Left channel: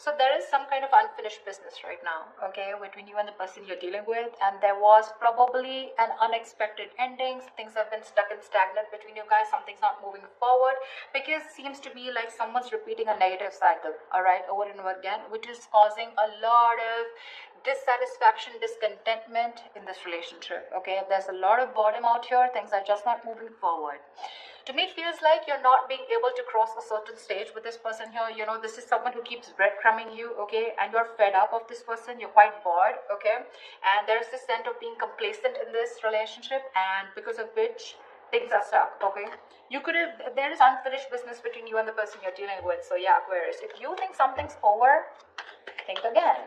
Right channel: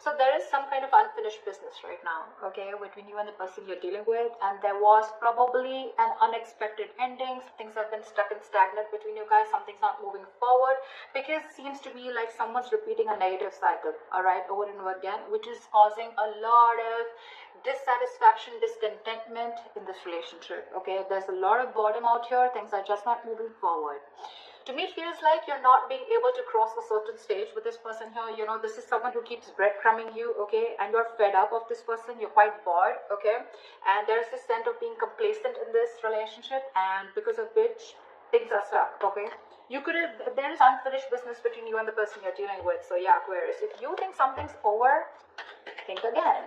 So there is some kind of unfinished business right now, okay, between you and the person you're dealing with, and there was probably an unexpected ending. Things have been stuck and stagnant between you guys. Something's not moving forward because it seems to me like someone's repeating a negative cycle, all right, over and over again, which is causing a lot of dissatisfaction, discontentment in this relationship, okay. There's a lot of boredom out here. Things are just not moving forward. To me, it feels like you're not being able to cross a certain stage with this person here. You know, this is someone who keeps breadcrumbing you, okay, and you're fed up of this person. You're quite bored, okay, and there's this sense of being complacent in this relationship, and because of which things are stuck, okay. There is unfinished business between you and the person you're dealing with. So yeah, Aquarius, if you think something's over, think again.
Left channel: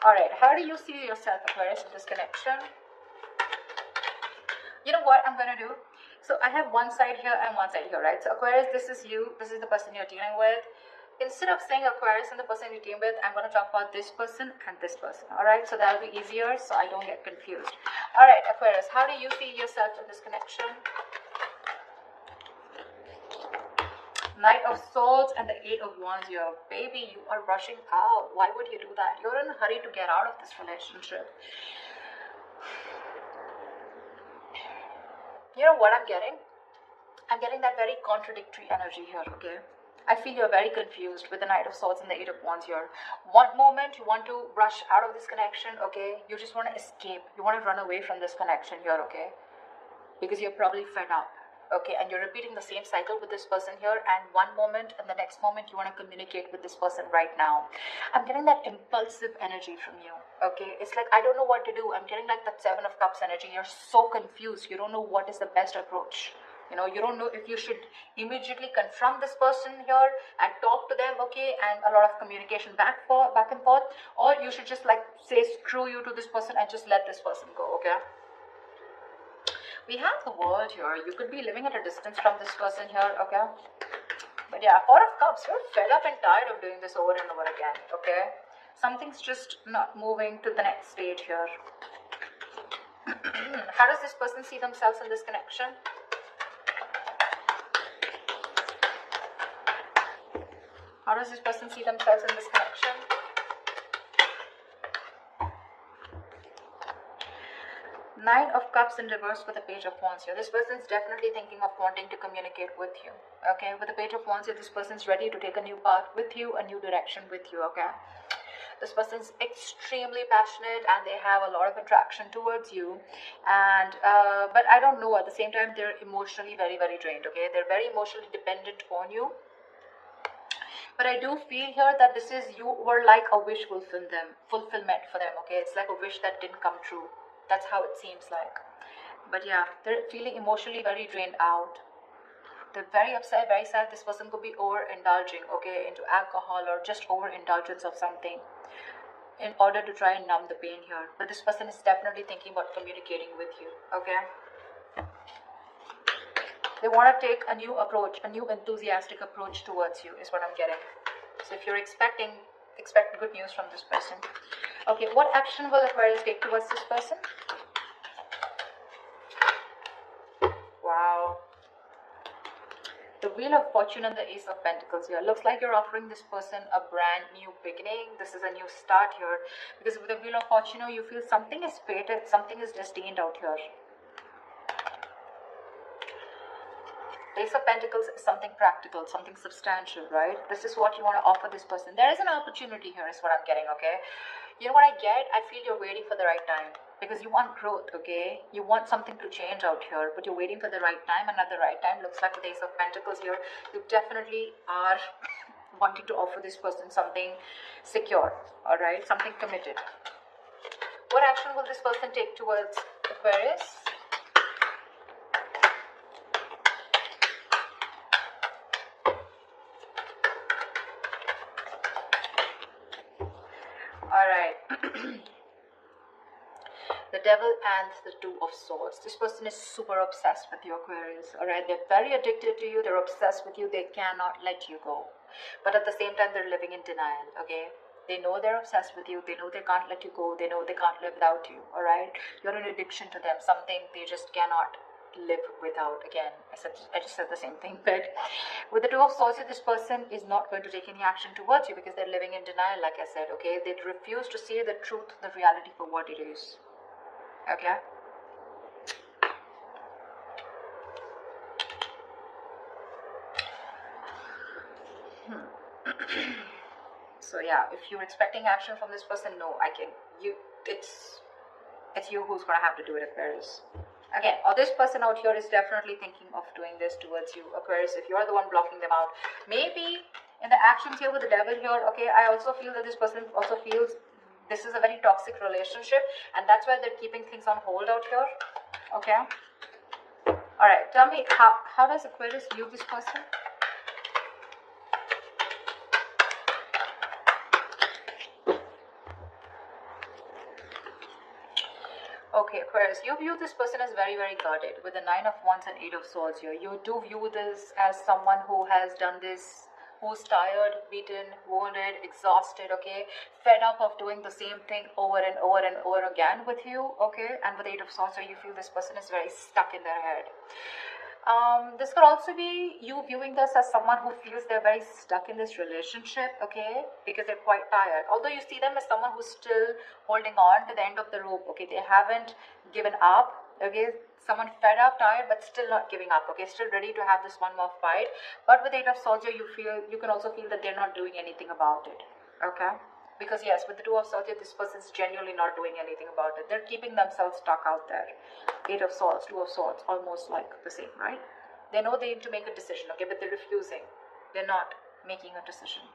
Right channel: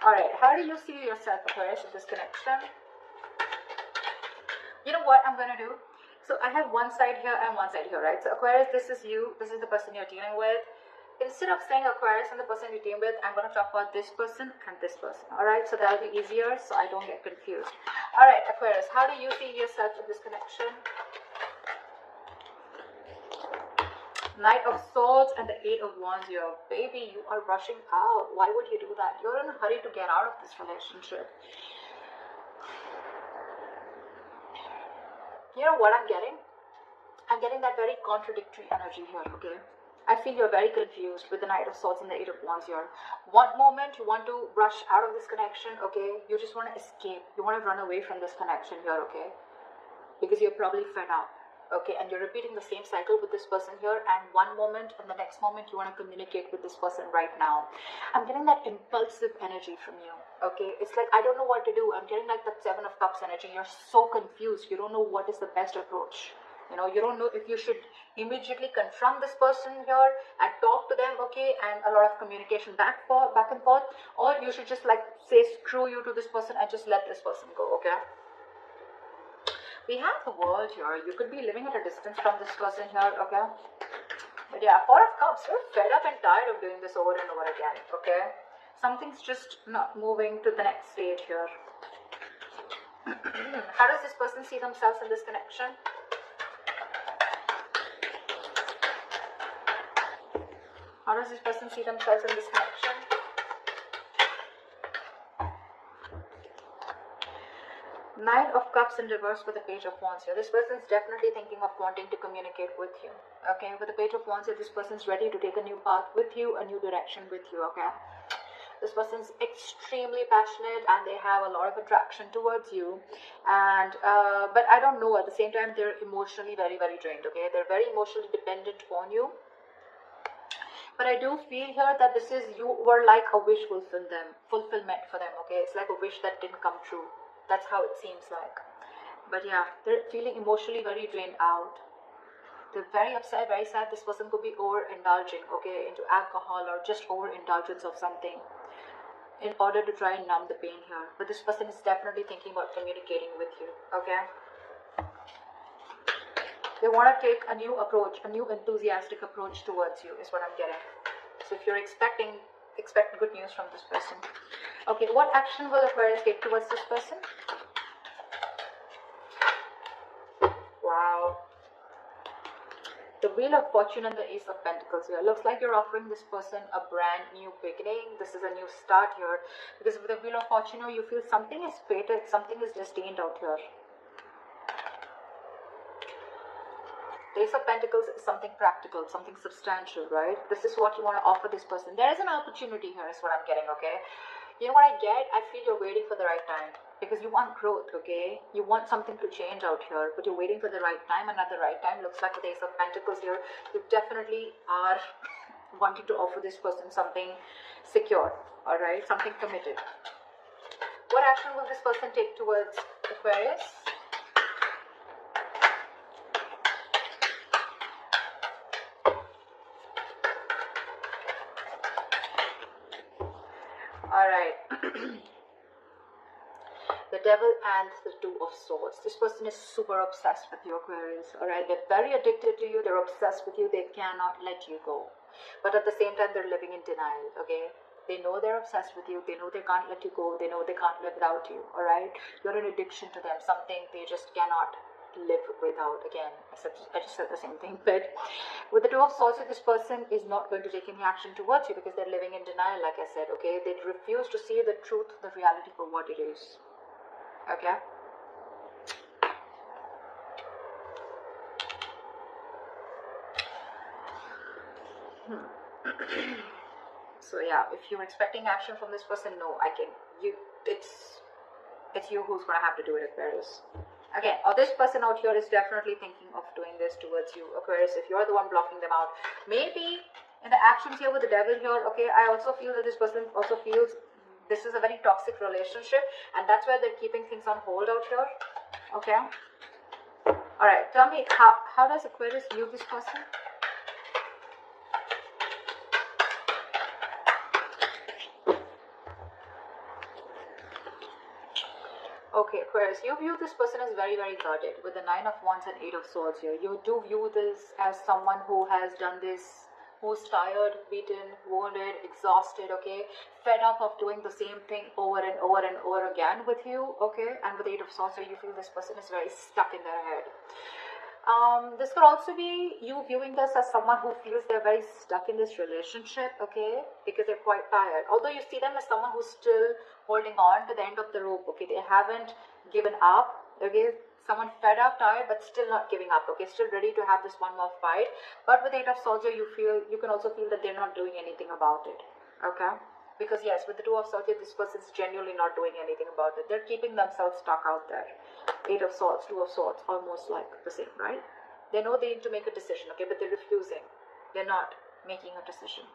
All right, how do you see yourself, Aquarius, in this connection? You know what I'm gonna do? So I have one side here and one side here, right? So Aquarius, this is you, this is the person you're dealing with. Instead of saying Aquarius and the person you're dealing with, I'm going to talk about this person and this person, all right? So that'll be easier so I don't get confused. All right, Aquarius, how do you see yourself in this connection? Knight of Swords and the Eight of Wands here. Baby, you are rushing out. Why would you do that? You're in a hurry to get out of this relationship. You know what I'm getting? I'm getting that very contradictory energy here, okay? I feel you're very confused with the Knight of Swords and the Eight of Wands here. One moment you want to rush out of this connection, okay? You just want to escape. You want to run away from this connection here, okay? Because you're probably fed up, okay? And you're repeating the same cycle with this person here, and one moment and the next moment you want to communicate with this person right now. I'm getting that impulsive energy from you, okay? It's like, I don't know what to do. I'm getting like that Seven of Cups energy. You're so confused. You don't know what is the best approach. You know, you don't know if you should immediately confront this person here and talk to them, okay, and a lot of communication back and forth, or you should just like say screw you to this person and just let this person go, okay? We have the World here. You could be living at a distance from this person here, okay? But yeah, Four of Cups, you're fed up and tired of doing this over and over again, okay? Something's just not moving to the next stage here. How does this person see themselves in this connection? How does this person see themselves in this connection? Nine of Cups in reverse with the Page of Wands here. This person is definitely thinking of wanting to communicate with you, okay? With the Page of Wands here, this person is ready to take a new path with you, a new direction with you, okay? This person is extremely passionate and they have a lot of attraction towards you, and but I don't know, at the same time they're emotionally very, very drained, okay? They're very emotionally dependent on you. But I do feel here that this is, you were like a wish fulfillment for them, okay? It's like a wish that didn't come true. That's how it seems like. But yeah, they're feeling emotionally very drained out. They're very upset, very sad. This person could be overindulging, okay, into alcohol or just overindulgence of something in order to try and numb the pain here. But this person is definitely thinking about communicating with you, okay? They want to take a new approach, a new enthusiastic approach towards you is what I'm getting. So if you're expect good news from this person. Okay, what action will Aquarius take towards this person? Wow. The Wheel of Fortune and the Ace of Pentacles here. Looks like you're offering this person a brand new beginning. This is a new start here. Because with the Wheel of Fortune, you feel something is fated, something is destined out here. Ace of Pentacles is something practical, something substantial, right? This is what you want to offer this person. There is an opportunity here is what I'm getting, okay? You know what I get? I feel you're waiting for the right time. Because you want growth, okay? You want something to change out here, but you're waiting for the right time, and at the right time, looks like with Ace of Pentacles here, you definitely are wanting to offer this person something secure, alright? Something committed. What action will this person take towards Aquarius? The Devil and the Two of Swords. This person is super obsessed with you, Aquarius, alright? They're very addicted to you, they're obsessed with you, they cannot let you go. But at the same time, they're living in denial, okay? They know they're obsessed with you, they know they can't let you go, they know they can't live without you, alright? You're an addiction to them, something they just cannot live without. Again, I just said the same thing. But with the Two of Swords, this person is not going to take any action towards you because they're living in denial, like I said, okay? They refuse to see the truth, the reality for what it is, okay? So yeah, if you're expecting action from this person, no, it's you who's gonna have to do it, Aquarius. Okay, or this person out here is definitely thinking of doing this towards you, Aquarius, if you're the one blocking them out. Maybe in the actions here with the devil here, okay, I also feel that this person also feels this is a very toxic relationship, and that's why they're keeping things on hold out here, okay? Alright, tell me, how does Aquarius view this person? Okay, Aquarius, you view this person as very, very guarded with the Nine of Wands and Eight of Swords here. You do view this as someone who has done this, who's tired, beaten, wounded, exhausted, okay, fed up of doing the same thing over and over and over again with you, okay, and with Eight of Swords here, you feel this person is very stuck in their head. This could also be you viewing this as someone who feels they're very stuck in this relationship, okay, because they're quite tired. Although you see them as someone who's still holding on to the end of the rope, okay, they haven't given up, okay, someone fed up, tired, but still not giving up, okay, still ready to have this one more fight. But with Eight of Swords, you can also feel that they're not doing anything about it, okay. Because yes, with the Two of Swords, this person's genuinely not doing anything about it. They're keeping themselves stuck out there. Eight of Swords, Two of Swords, almost like the same, right? They know they need to make a decision, okay, but they're refusing. They're not making a decision.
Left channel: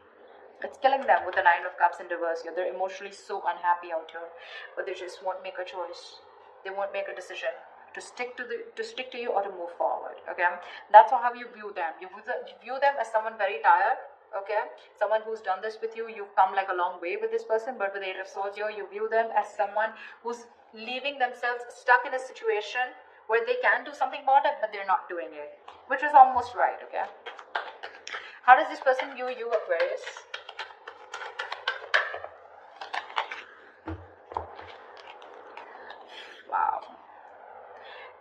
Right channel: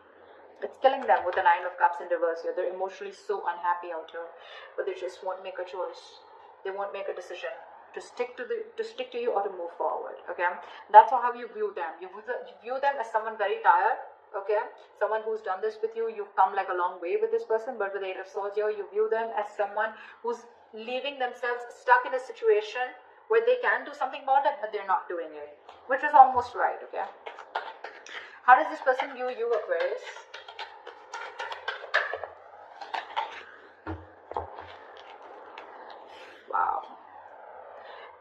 It's killing them with the Nine of Cups in reverse here. They're emotionally so unhappy out here, but they just won't make a choice. They won't make a decision to stick to you or to move forward, okay? That's how you view them. You view them as someone very tired, okay, someone who's done this with you. You've come like a long way with this person, but with Eight of Swords here, you view them as someone who's leaving themselves stuck in a situation where they can do something about it, but they're not doing it, which is almost right, okay? How does this person view you, Aquarius? Wow.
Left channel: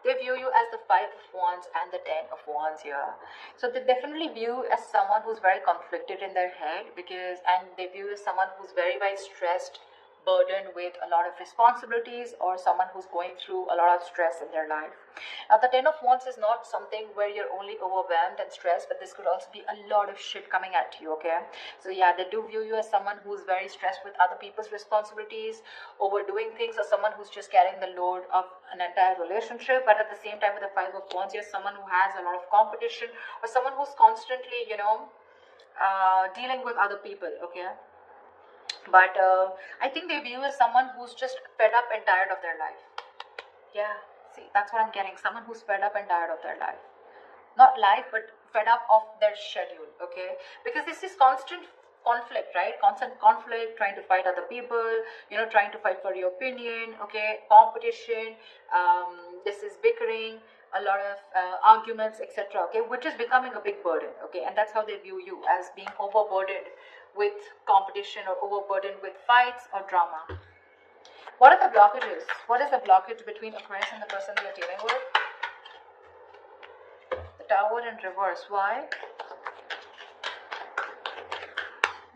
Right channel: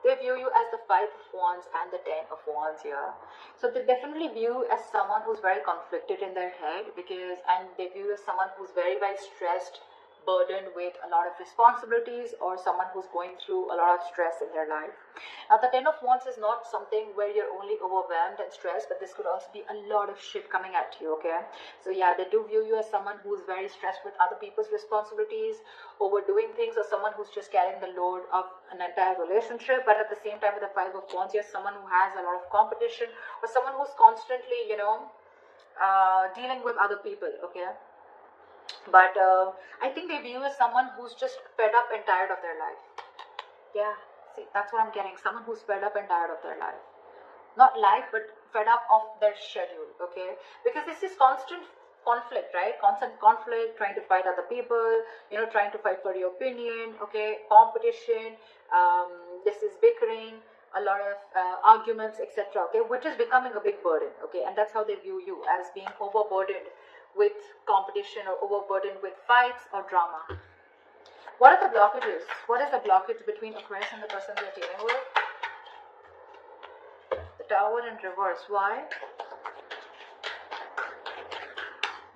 They view you as the Five of Wands and the Ten of Wands here. So they definitely view you as someone who's very conflicted in their head, and they view you as someone who's very, very stressed, burdened with a lot of responsibilities, or someone who's going through a lot of stress in their life. Now the Ten of Wands is not something where you're only overwhelmed and stressed, but this could also be a lot of shit coming at you, okay? So yeah, they do view you as someone who's very stressed with other people's responsibilities, overdoing things, or someone who's just carrying the load of an entire relationship. But at the same time, with the Five of Wands, you're someone who has a lot of competition, or someone who's constantly, dealing with other people, okay? But I think they view as someone who's just fed up and tired of their life. Yeah, see, that's what I'm getting. Someone who's fed up and tired of their life. Not life, but fed up of their schedule, okay? Because this is constant conflict, right? Constant conflict, trying to fight other people, trying to fight for your opinion, okay? Competition, this is bickering, a lot of arguments, etc., okay? Which is becoming a big burden, okay? And that's how they view you, as being overburdened with competition or overburdened with fights or drama. What are the blockages? What is the blockage between Aquarius and the person we are dealing with? The Tower in reverse. Why?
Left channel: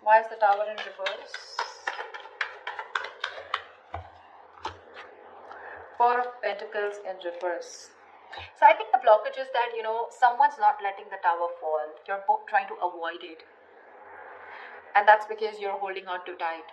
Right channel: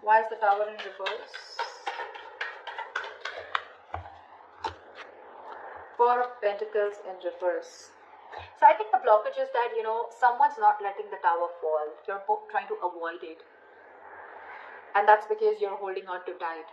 Why is the Tower in reverse? Four of Pentacles in reverse. So I think the blockage is that, someone's not letting the tower fall. You're both trying to avoid it. And that's because you're holding on too tight.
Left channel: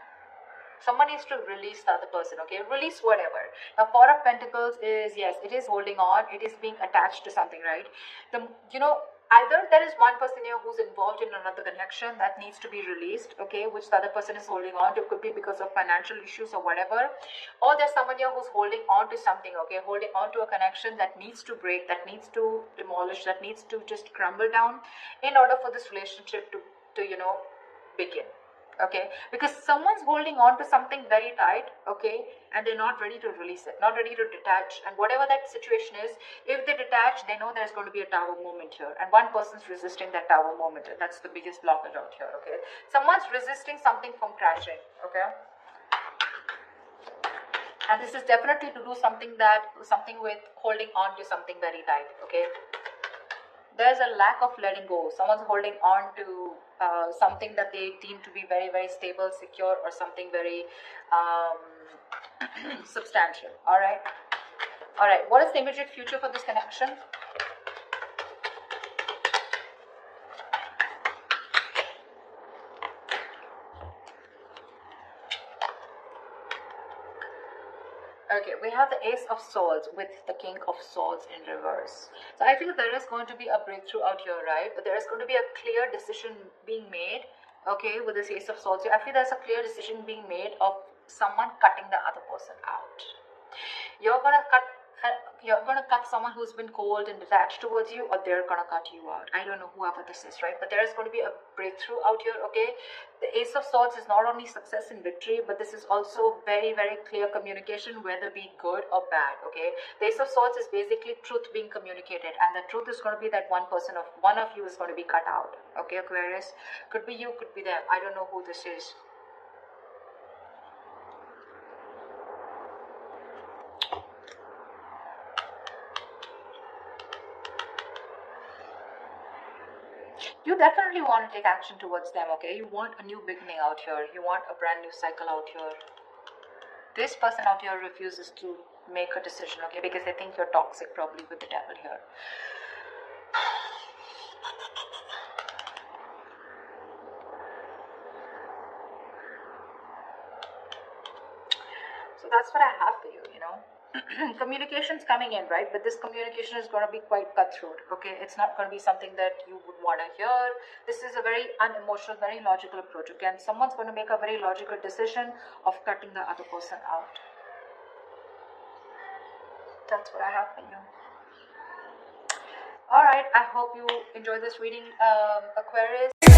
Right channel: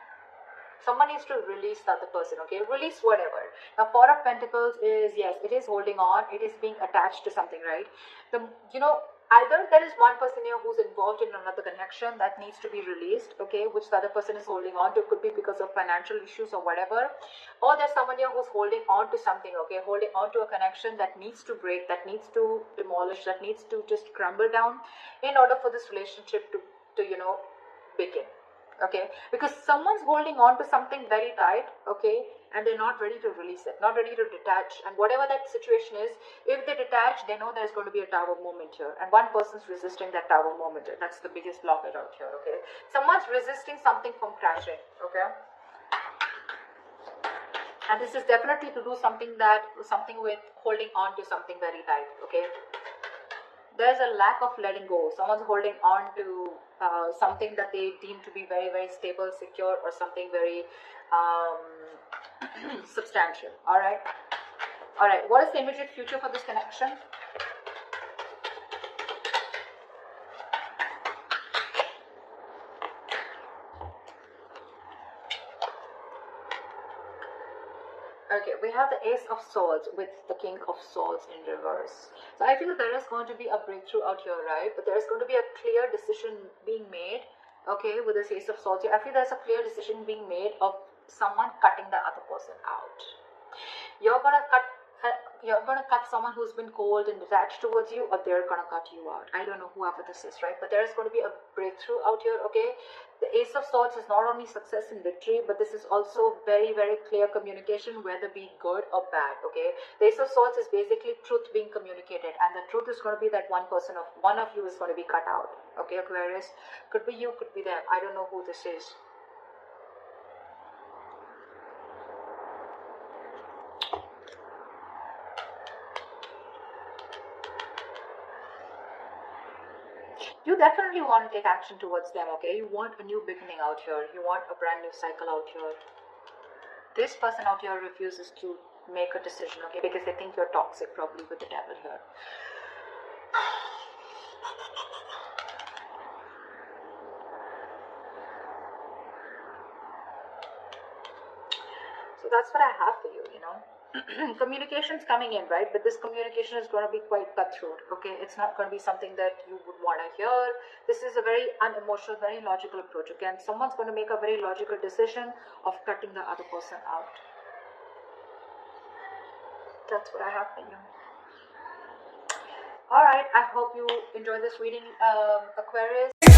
Someone needs to release the other person, okay? Release whatever. Now, Four of Pentacles is, yes, it is holding on. It is being attached to something, right? Either there is one person here who's involved in another connection that needs to be released, okay, which the other person is holding on to. It could be because of financial issues or whatever. Or there's someone here who's holding on to something, okay, holding on to a connection that needs to break, that needs to demolish, that needs to just crumble down in order for this relationship to begin, okay? Because someone's holding on to something very tight, okay, and they're not ready to release it, not ready to detach. And whatever that situation is, if they detach, they know there's going to be a tower moment here, and one person's resisting that tower moment. That's the biggest blockage out here, okay? Someone's resisting something from crashing, okay? And this is definitely to do something with holding on to something very tight, okay? There's a lack of letting go. Someone's holding on to something that they deem to be very, very stable, secure, or something very substantial. All right. What is the immediate future for this connection? Okay, we have the Ace of Swords with the King of Swords in reverse. So I feel there is going to be a breakthrough out here, right? But there is going to be a clear decision being made, okay, with this Ace of Swords. I feel there's a clear decision being made of someone cutting the other person out. You're gonna cut someone who's been cold and detached towards you, or they're gonna cut you out. I don't know whoever this is, right? But there is going to be a breakthrough out here, okay? The Ace of Swords is not only success and victory, but this is also very, very clear communication, whether be good or bad, okay? The Ace of Swords is basically truth being communicated, and the truth is going to be that one of you is going to be cut out, okay, Aquarius? Could be you, could be them. I don't know who this is. You definitely want to take action towards them, okay? You want a new beginning out here. You want a brand new cycle out here. This person out here refuses to make a decision, okay? Because they think you're toxic, probably with the devil here. So that's what I have for you, you know. Communication's coming in, right? But this communication is going to be quite cutthroat, okay? It's not going to be something that you would want to hear. This is a very unemotional, very logical approach. Again, someone's going to make a very logical decision of cutting the other person out. That's what I have for you. Alright, I hope you enjoyed this reading, Aquarius.